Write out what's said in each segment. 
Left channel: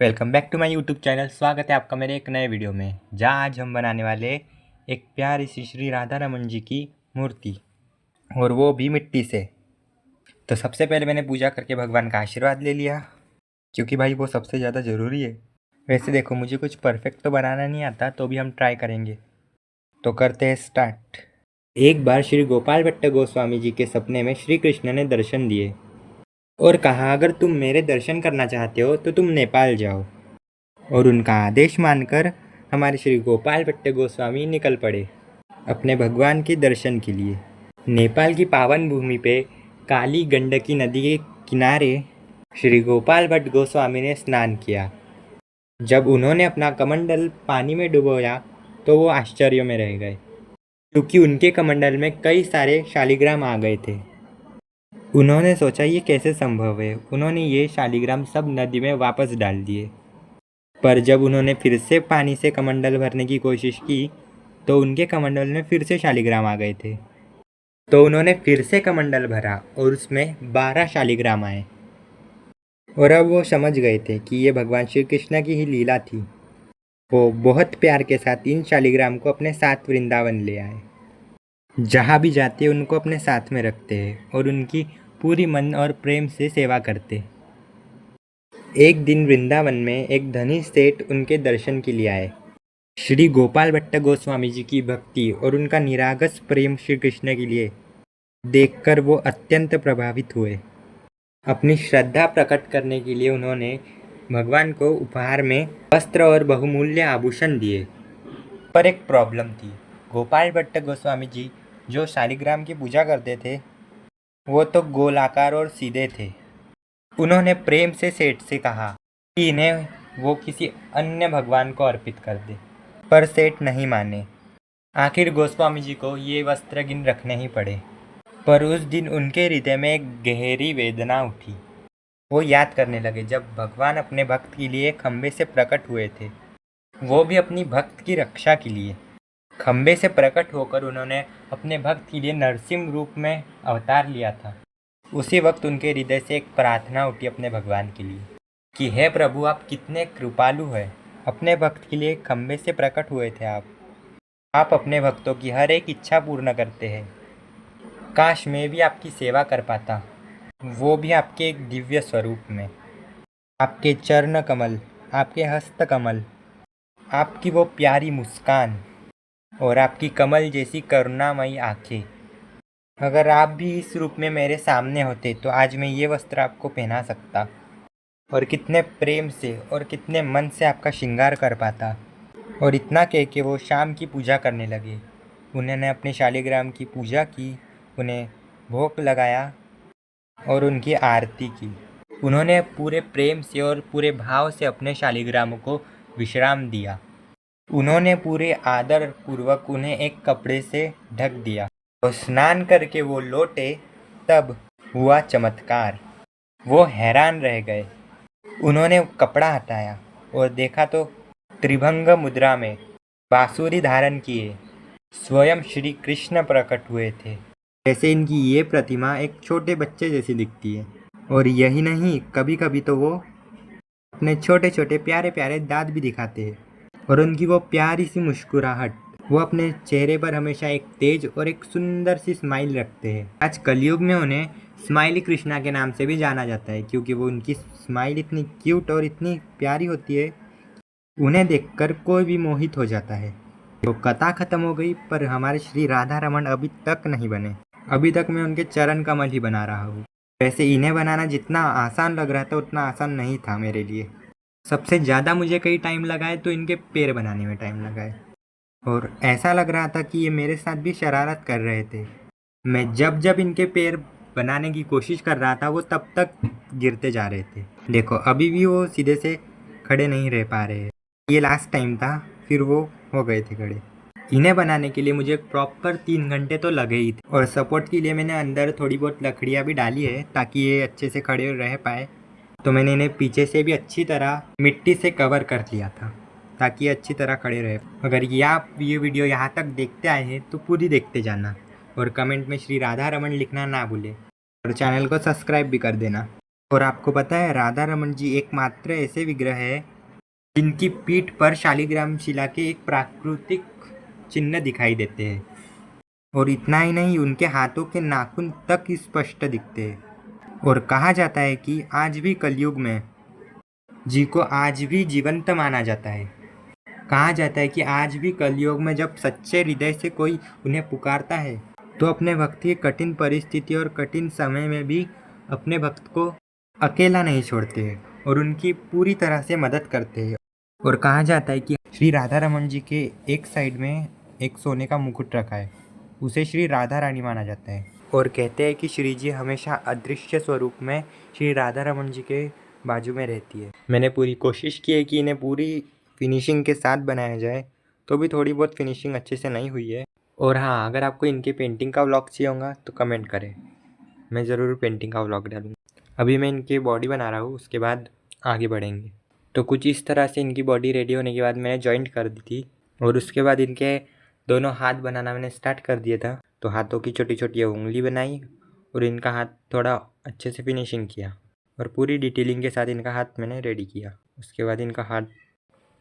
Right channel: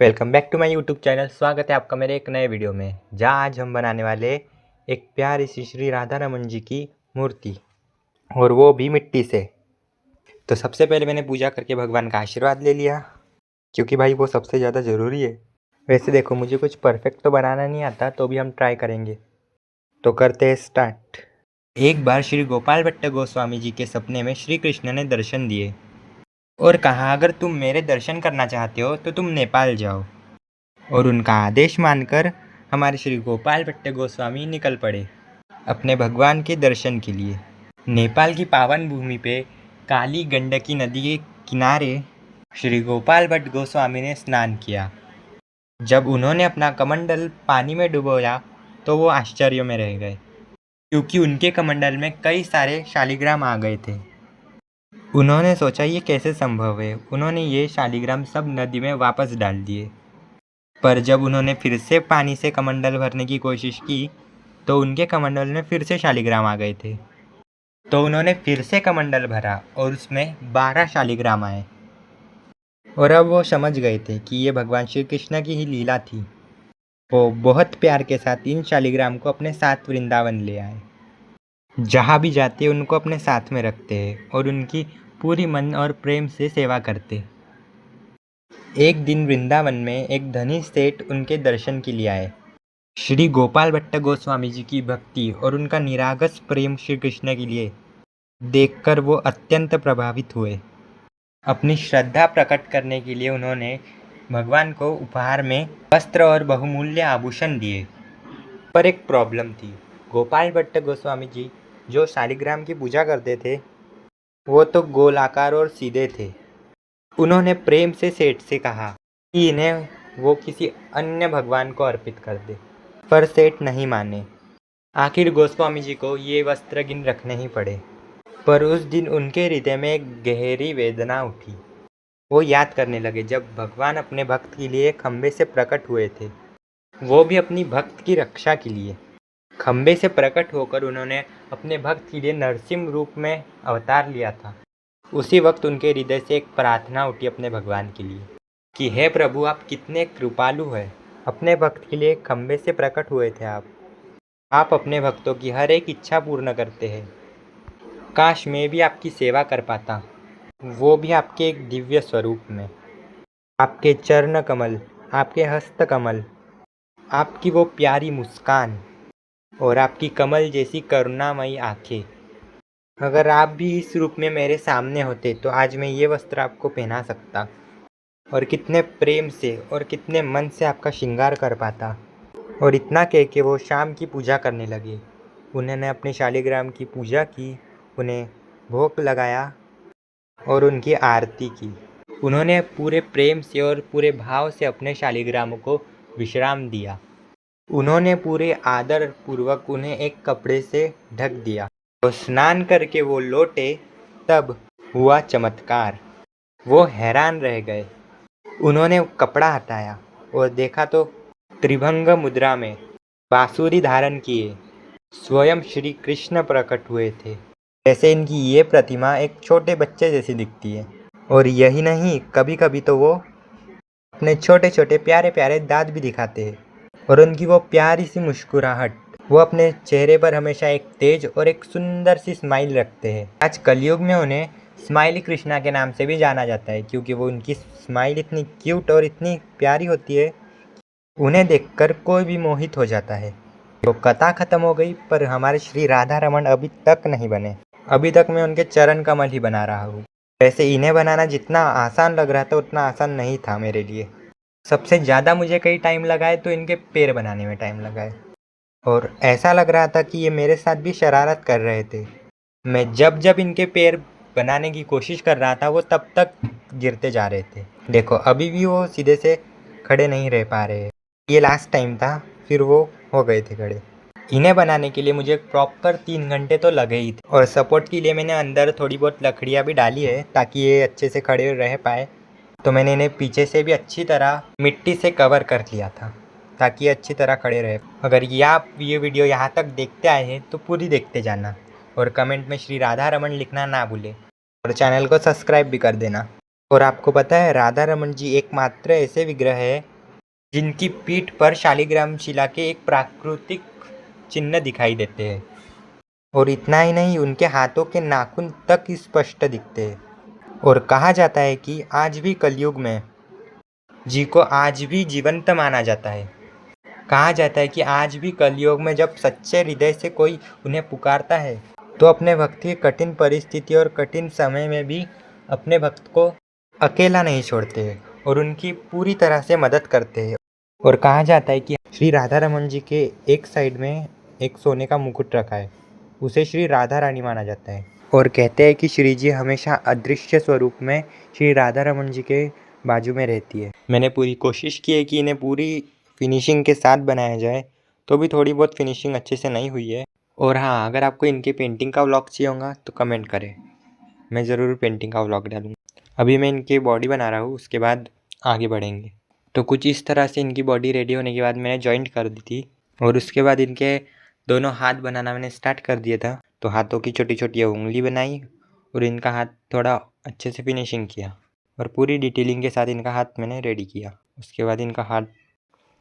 Welcome back to my YouTube channel. स्वागत है आपका मेरे एक नए वीडियो में, जहाँ आज हम बनाने वाले एक प्यारी सी श्री राधा रमन जी की मूर्ति, और वो भी मिट्टी से। तो सबसे पहले मैंने पूजा करके भगवान का आशीर्वाद ले लिया, क्योंकि भाई वो सबसे ज़्यादा ज़रूरी है। वैसे देखो, मुझे कुछ परफेक्ट तो बनाना नहीं आता, तो भी हम ट्राई करेंगे। तो करते हैं स्टार्ट। एक बार श्री गोपाल भट्ट गोस्वामी जी के सपने में श्री कृष्ण ने दर्शन दिए और कहा, अगर तुम मेरे दर्शन करना चाहते हो तो तुम नेपाल जाओ। और उनका आदेश मानकर हमारे श्री गोपाल भट्ट गोस्वामी निकल पड़े अपने भगवान के दर्शन के लिए। नेपाल की पावन भूमि पे काली गंडकी नदी के किनारे श्री गोपाल भट्ट गोस्वामी ने स्नान किया। जब उन्होंने अपना कमंडल पानी में डुबोया तो वो आश्चर्य में रह गए, क्योंकि उनके कमंडल में कई सारे शालिग्राम आ गए थे। उन्होंने सोचा, ये कैसे संभव है। उन्होंने ये शालिग्राम सब नदी में वापस डाल दिए। पर जब उन्होंने फिर से पानी से कमंडल भरने की कोशिश की तो उनके कमंडल में फिर से शालिग्राम आ गए थे। तो उन्होंने फिर से कमंडल भरा और उसमें 12 शालिग्राम आए। और अब वो समझ गए थे कि ये भगवान श्री कृष्ण की ही लीला थी। वो बहुत प्यार के साथ इन शालिग्राम को अपने साथ वृंदावन ले आए। जहाँ भी जाते हैं उनको अपने साथ में रखते हैं और उनकी पूरी मन और प्रेम से सेवा करते। एक दिन वृंदावन में एक धनी सेठ उनके दर्शन के लिए आए। श्री गोपाल भट्ट गोस्वामी जी की भक्ति और उनका निरागस प्रेम श्री कृष्ण के लिए देखकर वो अत्यंत प्रभावित हुए। अपनी श्रद्धा प्रकट करने के लिए उन्होंने भगवान को उपहार में वस्त्र और बहुमूल्य आभूषण दिए। पर एक प्रॉब्लम थी। गोपाल भट्ट गोस्वामी जी जो शालिग्राम की पूजा करते थे वो तो गोलाकार और सीधे थे। उन्होंने प्रेम से सेठ से कहा कि इन्हें वो किसी अन्य भगवान को अर्पित कर दे, पर सेठ नहीं माने। आखिर गोस्वामी जी को ये वस्त्र गिन रखने ही पड़े। पर उस दिन उनके हृदय में एक गहरी वेदना उठी। वो याद करने लगे, जब भगवान अपने भक्त के लिए खंबे से प्रकट हुए थे, वो भी अपनी भक्त की रक्षा के लिए। खंबे से प्रकट होकर उन्होंने अपने भक्त के लिए नरसिंह रूप में अवतार लिया था। उसी वक्त उनके हृदय से एक प्रार्थना उठी अपने भगवान के लिए कि हे प्रभु, आप कितने कृपालु हैं। अपने भक्त के लिए खंबे से प्रकट हुए थे आप अपने भक्तों की हर एक इच्छा पूर्ण करते हैं। काश मैं भी आपकी सेवा कर पाता, वो भी आपके एक दिव्य स्वरूप में। आपके चरण कमल, आपके हस्त कमल, आपकी वो प्यारी मुस्कान और आपकी कमल जैसी करुणामयी आंखें। अगर आप भी इस रूप में मेरे सामने होते तो आज मैं ये वस्त्र आपको पहना सकता और कितने प्रेम से और कितने मन से आपका श्रृंगार कर पाता। और इतना कह के वो शाम की पूजा करने लगे। उन्होंने अपने शालिग्राम की पूजा की, उन्हें भोग लगाया और उनकी आरती की। उन्होंने पूरे प्रेम से और पूरे भाव से अपने शालिग्राम को विश्राम दिया। उन्होंने पूरे आदर पूर्वक उन्हें एक कपड़े से ढक दिया। तो स्नान करके वो लौटे, तब हुआ चमत्कार। वो हैरान रह गए। उन्होंने कपड़ा हटाया और देखा तो त्रिभंग मुद्रा में बांसुरी धारण किए स्वयं श्री कृष्ण प्रकट हुए थे। जैसे इनकी ये प्रतिमा एक छोटे बच्चे जैसी दिखती है। और यही नहीं, कभी कभी तो वो अपने छोटे छोटे प्यारे प्यारे दांत भी दिखाते हैं। और उनकी वो प्यारी सी मुस्कुराहट, वो अपने चेहरे पर हमेशा एक तेज और एक सुंदर सी स्माइल रखते हैं। आज कलयुग में उन्हें स्माइली कृष्णा के नाम से भी जाना जाता है, क्योंकि वो उनकी स्माइल इतनी क्यूट और इतनी प्यारी होती है, उन्हें देखकर कोई भी मोहित हो जाता है। तो कथा खत्म हो गई, पर हमारे श्री राधा रमन अभी तक नहीं बने। अभी तक मैं उनके चरण कमल ही बना रहा हूँ। वैसे इन्हें बनाना जितना आसान लग रहा था उतना आसान नहीं था मेरे लिए। सबसे ज़्यादा मुझे कई टाइम लगा है तो इनके पैर बनाने में टाइम लगा है। और ऐसा लग रहा था कि ये मेरे साथ भी शरारत कर रहे थे। मैं जब जब इनके पैर बनाने की कोशिश कर रहा था वो तब तक गिरते जा रहे थे। देखो, अभी भी वो सीधे से खड़े नहीं रह पा रहे हैं। ये लास्ट टाइम था, फिर वो हो गए थे खड़े। इन्हें बनाने के लिए मुझे प्रॉपर 3 घंटे तो लगे ही थे। और सपोर्ट के लिए मैंने अंदर थोड़ी बहुत लकड़ियाँ भी डाली है ताकि ये अच्छे से खड़े रह पाए। तो मैंने इन्हें पीछे से भी अच्छी तरह मिट्टी से कवर कर लिया था ताकि ये अच्छी तरह खड़े रहे। अगर ये आप ये वीडियो यहाँ तक देखते आए हैं तो पूरी देखते जाना और कमेंट में श्री राधा रमन लिखना ना भूलें और चैनल को सब्सक्राइब भी कर देना। और आपको पता है राधा रमन जी एकमात्र ऐसे विग्रह है जिनकी पीठ पर शालिग्राम शिला के एक प्राकृतिक चिन्ह दिखाई देते हैं। और इतना ही नहीं, उनके हाथों के नाखून तक स्पष्ट दिखते हैं। और कहा जाता है कि आज भी कलयुग में जी को आज भी जीवंत माना जाता है। कहा जाता है कि आज भी कलयुग में जब सच्चे हृदय से कोई उन्हें पुकारता है तो अपने भक्त की कठिन परिस्थिति और कठिन समय में भी अपने भक्त को अकेला नहीं छोड़ते हैं और उनकी पूरी तरह से मदद करते हैं। और कहा जाता है कि श्री राधा रमन जी के एक साइड में एक सोने का मुकुट रखा है, उसे श्री राधा रानी माना जाता है। और कहते हैं कि श्री जी हमेशा अदृश्य स्वरूप में श्री राधा रमन जी के बाजू में रहती है। मैंने पूरी कोशिश की है कि इन्हें पूरी फिनिशिंग के साथ बनाया जाए, तो भी थोड़ी बहुत फिनिशिंग अच्छे से नहीं हुई है। और हाँ, अगर आपको इनके पेंटिंग का व्लॉग चाहिए होगा तो कमेंट करें, मैं ज़रूर पेंटिंग का व्लॉग डालूँगा। अभी मैं इनकी बॉडी बना रहा हूँ, उसके बाद आगे बढ़ेंगे। तो कुछ इस तरह से इनकी बॉडी रेडी होने के बाद मैंने जॉइंट कर दी थी और उसके बाद इनके दोनों हाथ बनाना मैंने स्टार्ट कर दिया था। तो हाथों की छोटी छोटी उंगली बनाई और इनका हाथ थोड़ा अच्छे से फिनिशिंग किया और पूरी डिटेलिंग के साथ इनका हाथ मैंने रेडी किया। उसके बाद इनका हाथ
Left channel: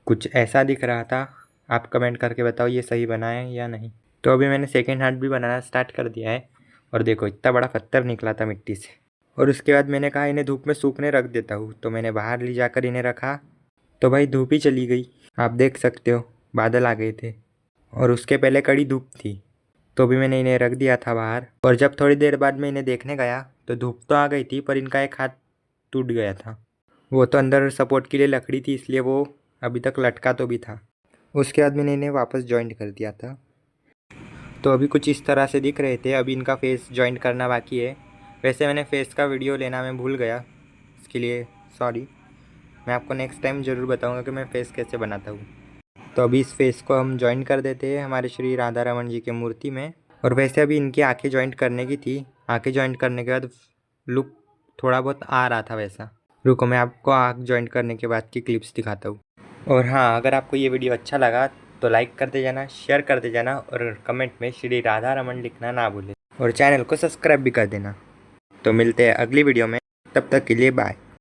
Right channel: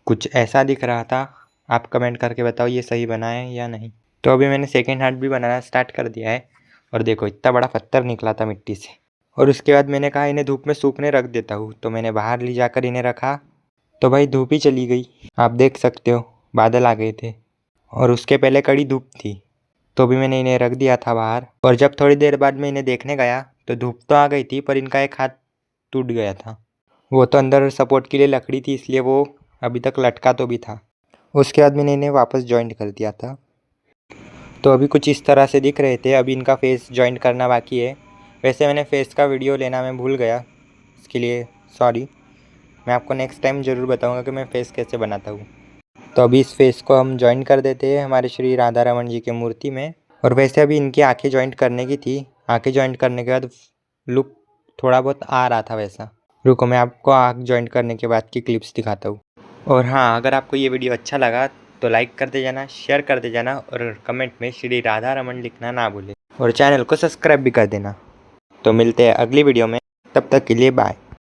कुछ ऐसा दिख रहा था। आप कमेंट करके बताओ ये सही बना है या नहीं। तो अभी मैंने सेकेंड हाथ भी बनाना स्टार्ट कर दिया है और देखो इतना बड़ा पत्थर निकला था मिट्टी से। और उसके बाद मैंने कहा इन्हें धूप में सूखने रख देता हूँ, तो मैंने बाहर ले जाकर इन्हें रखा। तो भाई धूप ही चली गई, आप देख सकते हो बादल आ गए थे और उसके पहले कड़ी धूप थी। तो भी मैंने इन्हें रख दिया था बाहर और जब थोड़ी देर बाद मैं इन्हें देखने गया तो धूप तो आ गई थी पर इनका एक हाथ टूट गया था। वो तो अंदर सपोर्ट के लिए लकड़ी थी, इसलिए वो अभी तक लटका तो भी था। उसके बाद मैंने इन्हें वापस जॉइंट कर दिया था। तो अभी कुछ इस तरह से दिख रहे थे। अभी इनका फेस जॉइंट करना बाकी है। वैसे मैंने फेस का वीडियो लेना मैं भूल गया, इसके लिए सॉरी। मैं आपको नेक्स्ट टाइम ज़रूर बताऊंगा कि मैं फ़ेस कैसे बनाता हूँ। तो अभी इस फेस को हम जॉइन कर देते हैं हमारे श्री राधा रमन जी की मूर्ति में। और वैसे अभी इनकी आंखें जॉइंट करने की थी। आंखें जॉइंट करने के बाद लुक थोड़ा बहुत आ रहा था वैसा। रुको मैं आपको आँख जॉइंट करने के बाद की क्लिप्स दिखाता हूँ। और हाँ, अगर आपको ये वीडियो अच्छा लगा तो लाइक करते जाना, शेयर करते जाना और कमेंट में श्री राधा रमन लिखना ना भूलें और चैनल को सब्सक्राइब भी कर देना। तो मिलते हैं अगली वीडियो में, तब तक के लिए बाय।